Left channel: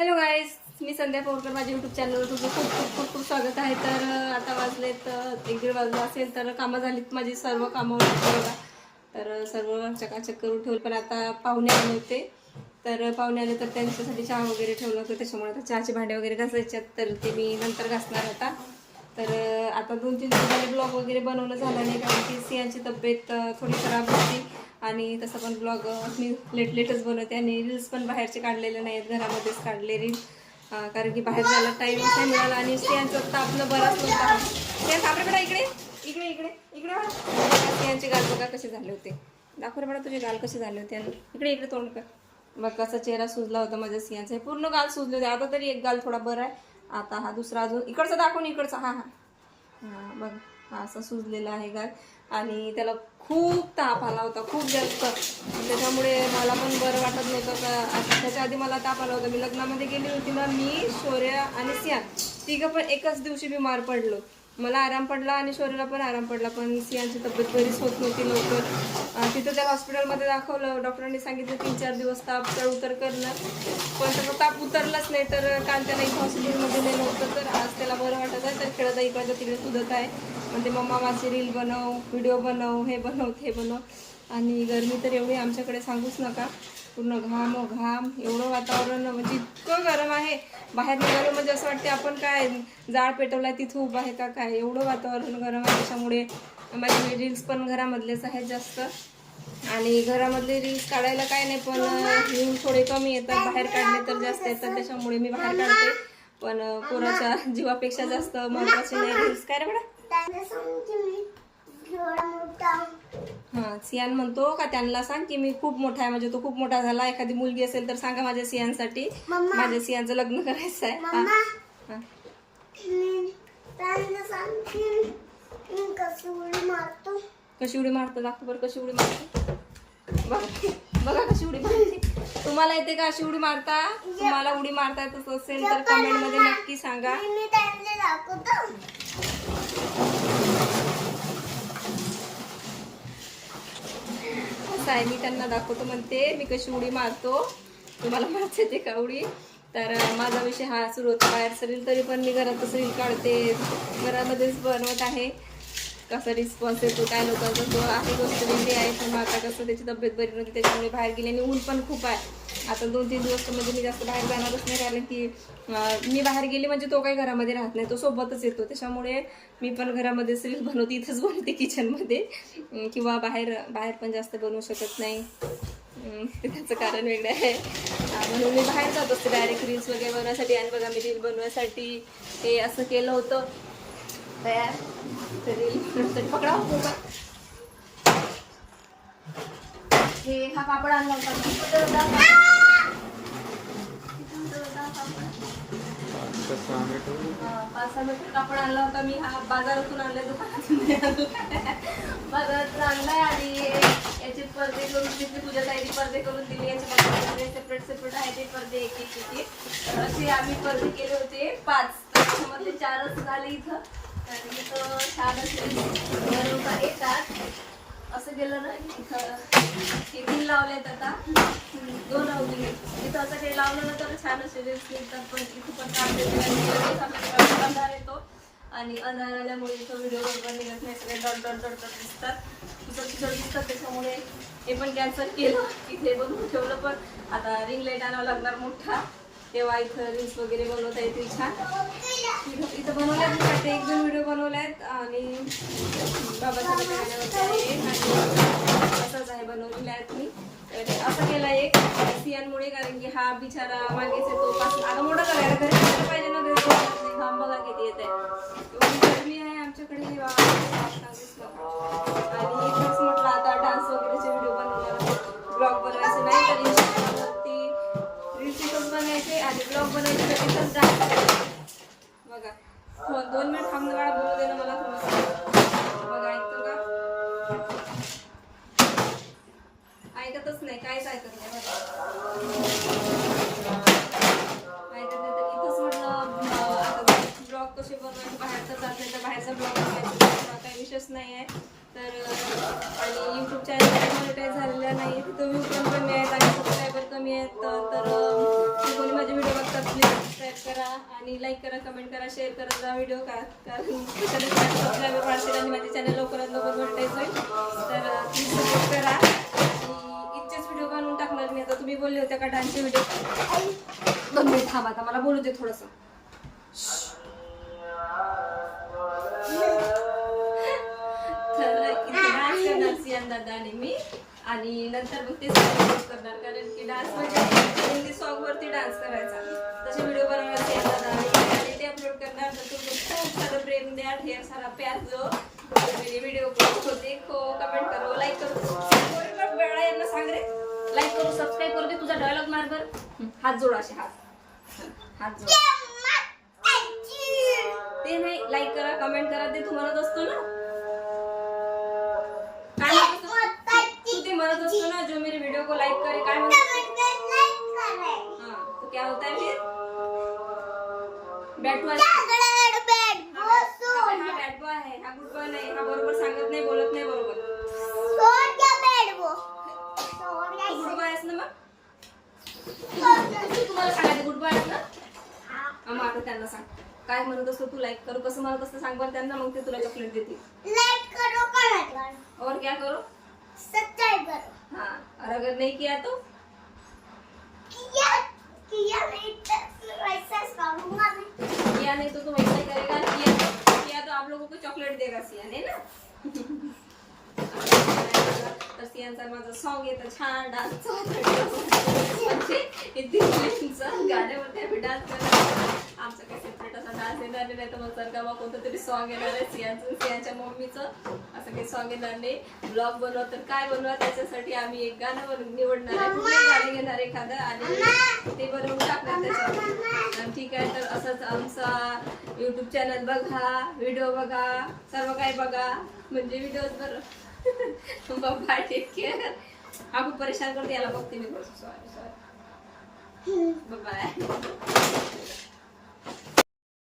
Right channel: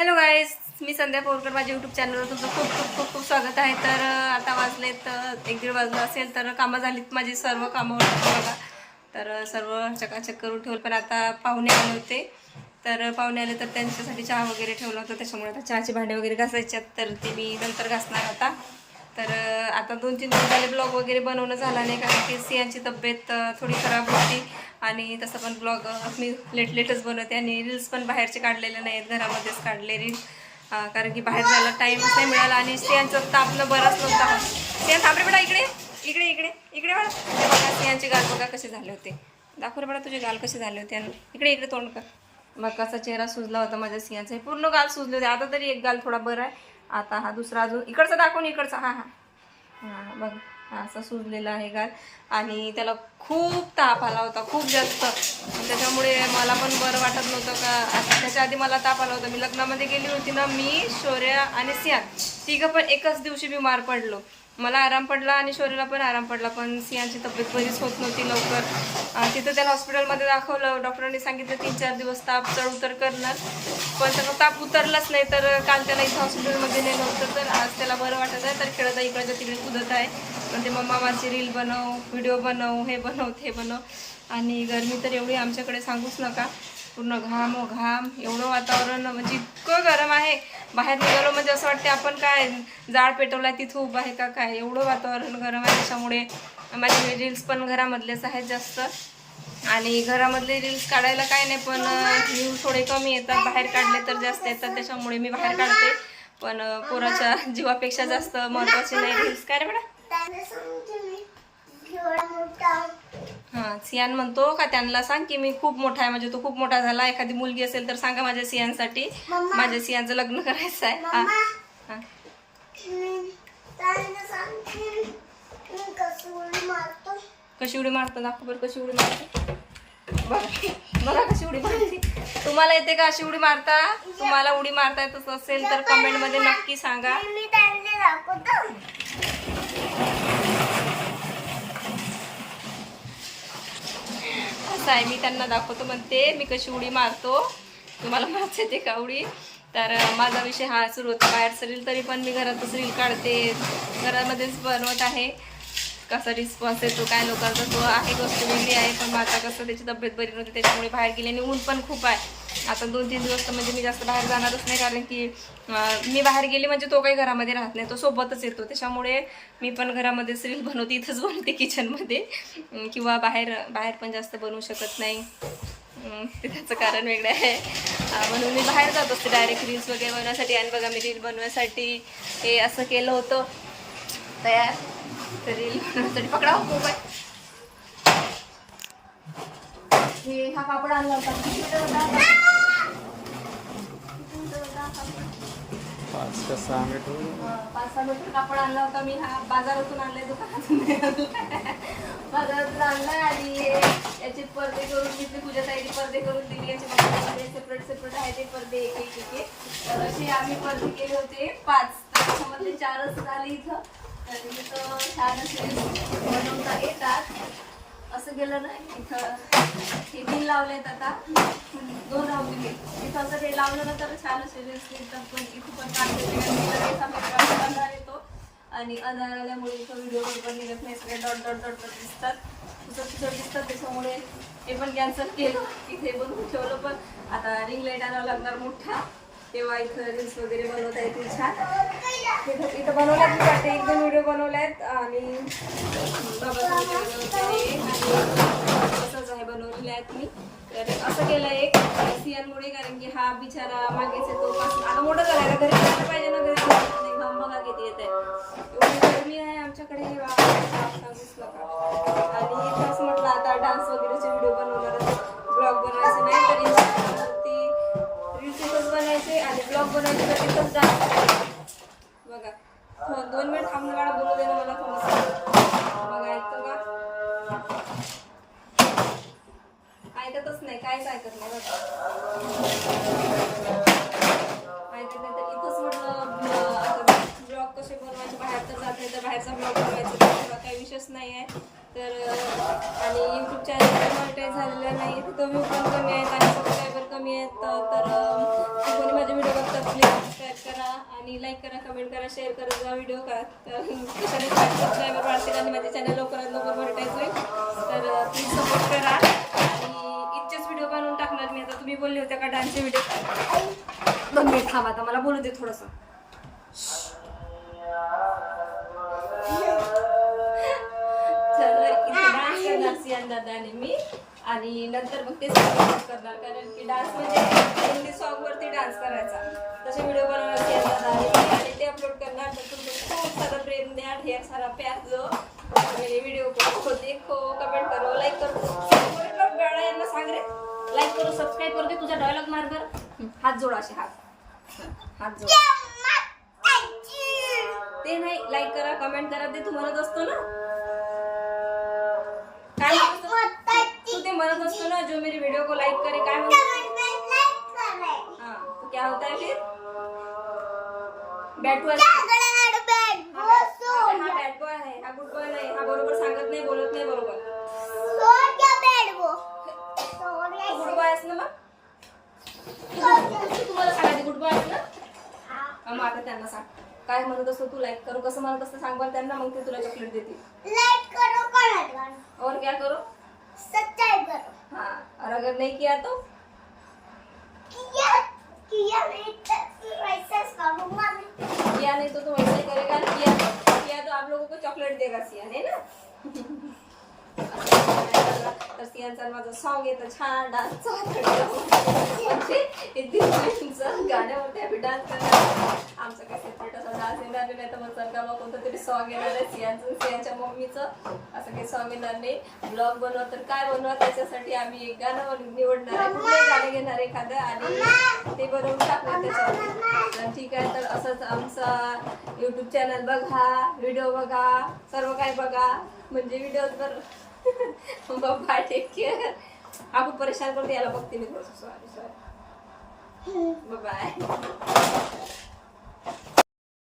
Hello guys मी संध्या पोरकर माझ्या YouTube चॅनलवर तुमचं खूप खूप खूप खूप स्वागत आहे. तर आता वाजलेत तर एक दीड वाजलं असेल तर कामं झालीत माझी सर्व कामं होती बघा. तर सर्व चकाचक करून ठेवलं पण आता पाहुणे आले होते. तर पाहुणे आले तर त्यांच्यासाठी चहा वगैरे ठेवलं होतं. त्याच्यामुळे आता चहाची भांडे वगैरे घासायच्यात तर ते मी नंतर घासणार आता. तर आता दोन तीन दिवस झाले ब्लॉग वगैरे बनवणं झाला नाही कारण की सियांची तब्येत थोडी खराब होती. आणि तसं पण ब्लॉग मी लेट लेटच बनवते आणि रील्स पण बाहेरचे काढलेले नाहीत घरामध्येच काढले रील कारण की बाहेर जायला टाईमच नाही मिळाला आणि स्त्रियांचं तापलं बराच नव्हता स्त्रियां थांबरे बेटा इकडे. इकडे इकडे. इकडे बघा. स्त्रियांचे गाल बघा कसे झाले होते. दाखव रे बेटा तुझे गाल कसे झाले होते. आणि इकडे इकडे तोंड कर. मग कसा चेहरा सुजला होता माझ्या सियांचा. हे पूर्ण गाल सुजले होते. आता तरी एक गाल थोडा बरा आहे. आता हा दुसरा अजून. इकडचा दाखवून इकडचा. हा हा. हां बघ. हा असा सुजलेला आहे गाल. आणि त्याला खूप ताप आला होता खूप जास्त. त्याच्यामुळे मला पण बरं वाटत नव्हतं का त्याच्या आधी मला ताप आला होता. मी लग्नामध्ये गेली होती ना मी शौर्या आणि सियान. तिघं पण एकच दिवशी बीमार पडलो. मला आराम पडला आणि शौर्याला पण आराम पडला पण सियांची तब्येत बरीच होत नव्हती लवकर. तिथं त्याला हॉस्पिटलमध्ये दाखवलं. डॉक्टरांनी सांगितलं तीन चार दिवस ताप चढ उतर करणार. पण त्याचा ताप उतरलाच नाही तर काल त्याला इथं हॉस्पिटलमध्ये नेलं होतं. तर आज त्याला बरं वाटत आहे. तर खेळत आहे इकडच्या तिकडे कुदत आहे. म्हणजे मम्मा माझी रील बनव व्हिडिओ बनव हे बनव ते बनव. आणि गरमी तर एवढी आमच्याकडे सांगूच नका. पूर्ण घाम हो घाम एवढं वातावरण म्हणजे इतकं गरम आहे. बाहेर निघालो म्हणजे असं वाटते आपण काय जाळ पेटवलाय तिथं उभं आहे का काय? एवढं वातावरण गरम आहे त्याच्यामुळे. माझे रील्स पण घरामधलेच आहेत जास्त. आणि घरामधले रील्स काढायला काय नाही पण व्ह्यूज थोडे कमी येतात. बाहेर काढले तर जास्त येतात त्याच्यामुळे मी बाहेर काढते. पण पोराच्या जीवापेक्षा जास्त महत्त्वाचे नाही रील्स काय रे बेटा? हां सियान म्हणतो का त्यांना सांग की मी खूप मोठा आहे म्हणजे तो खूप मोठा झाला एखादी मुलगी असेल तर सांगा माझ्या सियांसाठी. माझ्या सियांचं लग्न करायचं आहे. हां. हां. कशी उडी मारतो. दाखव बरं कशी उडी मारते. बघा बघा कशी उडी मारते. तुम्हाला येते का अशी उडी मारता? तुम्हाला उडी मारता येत असेल तर कमेंटमध्ये नक्की सांगा. कसं आहे मी त्यांना दाखवतो म्हणते मी कशी उडी मारतो तुम्हाला मारते येते का उडी? तर माझा विषय हा सुरू होता बाहेरचं रील तरी पण मी घरातच रील काढते घरामध्येच बनवत आहे. कसा रिस्पॉन्स येतो काय लोकांचा तो आहे गोष्ट वेगळी आहे पण आता कसं त्याची तब्येत बरी नव्हती त्याच्यामुळे बाहेर गेली आणि ऊन पण खूप आहे. आता दोन तीन दिवस तर म्हणजे मी जास्त बाहेर जाणारच नाही कारण की मी बाहेर गेली म्हणजे तो काही घरामध्ये राहत नाही तो सोबतच येतो. त्याच्यामुळे मी पण घरामध्येच रील बनवते इथंच बनवते किचनमध्ये किंवा बाहेर बाहेर पण जास्त बनवू शकत नाही. ते त्याचं कारण वेगळं आहे. म्हणून मी बाहेर जात असते डायरेक्ट रील्स वगैरे बनवण्यासाठी आणि बघा मी रील बनवण्यासाठी हे असं केलं होतं. तयार पकडा हो हे कापड आणला पाच सहा मीटर कापड आणला होता मी. हा बाजारातून आणलाय दुकानातून. बाजारातून आणलाय आणि याचे पडदे करून तिथे पूजा ताईने पडदे करून दिले. याचे सेपरेट सेपरेट आहे ते पडदे एक एक एक असे आम्ही पडदे केले होते. पाच. तर त्याच्यामधले चारच झाले इथं. तर इथं छान असे बनवता येतात असं गेलं ना इथं हे तीन लावलेत आता. दोन लावले मी इथं असं काही लावलं ना तर छान असे रील्स निघतात पण इथं पण काढते लगेच आपल्याकडे अंधार येतो. आणि अंधार आल्यामुळे इथं व्हिडिओ बरोबर निघत नाही. सगळे डॉट डॉट डॉट डॉट दिसतात. तुझं तुझं दिसतात. त्याच्यामुळे हे पण कॅन्सल केलं. इथे बनवून ठेवलं पण. आता रिंग लाइट आणावं लागणार मोठा. तेव्हा इथं रील्स वगैरे बनवता येतील छान. इथं इथं बनवल्यात मी वाटते एक दोन व्हिडिओ बनवल्यात आणि बाबासाहेब बनवते आणि तसंच आहे बनवलेले आहेत मी. तर असं केलं एक सियांमुळे कारण की हा बिचारा मागेच येतो पासून आता मोठं करायला घरी करायला पाहिजे ना घरी. नाही घाम बघा किती येत आहे एवढी गरमी आहे आमच्याकडे. दोन मिनिट थांबणं बाळा बोलू दे ना मला थोडंसं. बघा ऐकतो का? ऐकतच नाही काहीच ऐकत नाही ऐकत नाही तर इथंच म्हटलं आता ब्लॉग कसे बनवायचे बाहेर तर जात नाही तर बाहेरचा ब्लॉग बनवायचा. काही विषयच नाही आहे तर आणि यूट्यूब चॅनल मॉनिटाईज झालेलं नाही तिथं व्ह्यू पण कमी आहेत आणि सबस्क्रायबर कमी आहेत. तर कोणी माझे व्हिडिओ बघतात प्लीज सबस्क्राईब करा आणि लाईक करा कमेंट करा शेअर करत जा व्हिडिओ का? कारण सबस्क्रायबर वाढतील आणि माझे चॅनल लवकरात लवकर मॉनिटाईज होईल. तर प्लीज सपोर्ट करा. आणि इतकेच व्हिडिओ बनवून टाकणार मी. आता तुम्ही बोलले होते का डान्सचे व्हिडिओ दोन मिनिट थांबा आता मला बोलू दे थोडंसं. दादा आणि मी. आणि नंतर मग ते सॉंग करणार कारण की डान्स म्हणजे हिंदी सॉन्ग वरती डान्स करायचा. तसे व्हिडिओ बनवणार सियान दादा आणि आणि ते अपलोड करणार. तर तुमचं खूप सारं प्रेम द्या ढेर सारा प्यार और मेरे वीडियो को देखो कमेंट करो लाईक करो. वेळा यांना सांग रे. लाईक करो सबस्क्राईब करू दे तुझा डायलॉग मार बर. हात जोड असे हात. हात जोड. ते नाही लाईक करा कमेंट करा ते तू म्हणत असतो ना. काय तू ते म्हणत असतो ना जो मेरे वीडियो को लाइक करे काय म्हणत हाँ तो क्या होता है फिर? बॅट बॉय हा बॅट बॉय आहे हा गुड बॉय नाही हा बरोबर सांगत नाही बोलत नाही बरोबर. तू गुड बॉय आहेस ना मग? तू तुम्हाला सांगायचं गुड बॉय आहेस ना? हा, मग आता त्यांना सांग. काय म्हणत असतो तू लाईक करू कसं म्हणत असतं सांग बरं त्यांना मग ते तुला चॉकलेट देतील. और क्या करो? सब्सक्राइब करो। हाँ और अगर नहीं किया तो? किया किया नहीं तो वैसे किया नहीं तो तुम ऐसा ही करेगा। किया तो किया तो आप लोगों को चॉकलेट देगा सियान है ना? तर सियानचा माझं सॉन्ग येतं छान डान्स म्हणजे गाण्यावरती आम्ही डान्स करणार आमचा काही असा डान्स येणार नाही तर मग सरकामा कोणतं तरी सॉन्ग येणार आहे सियानचं सियानच्या मम्मीचं असं काही सॉन्ग येणार नाही. ब्लॉग बनवा तर काय बनवा त्याच्यासाठी आम्ही एक गाणं निवडणार आहे. कुठलंही गाणं घेणार एखादं? आणि ते बनवून टाकणार त्याच्यावर. आणि ठीक आहे तर असंच आमचा युट्यूब चॅनल बघा व्हिडिओ बघा सर्व काही बघा. म्हणजे व्हिडिओज बरं बाबा टेक केअर खूप परेशान करते याला बघते मी. थोडंसं सॉरी सॉरी बाय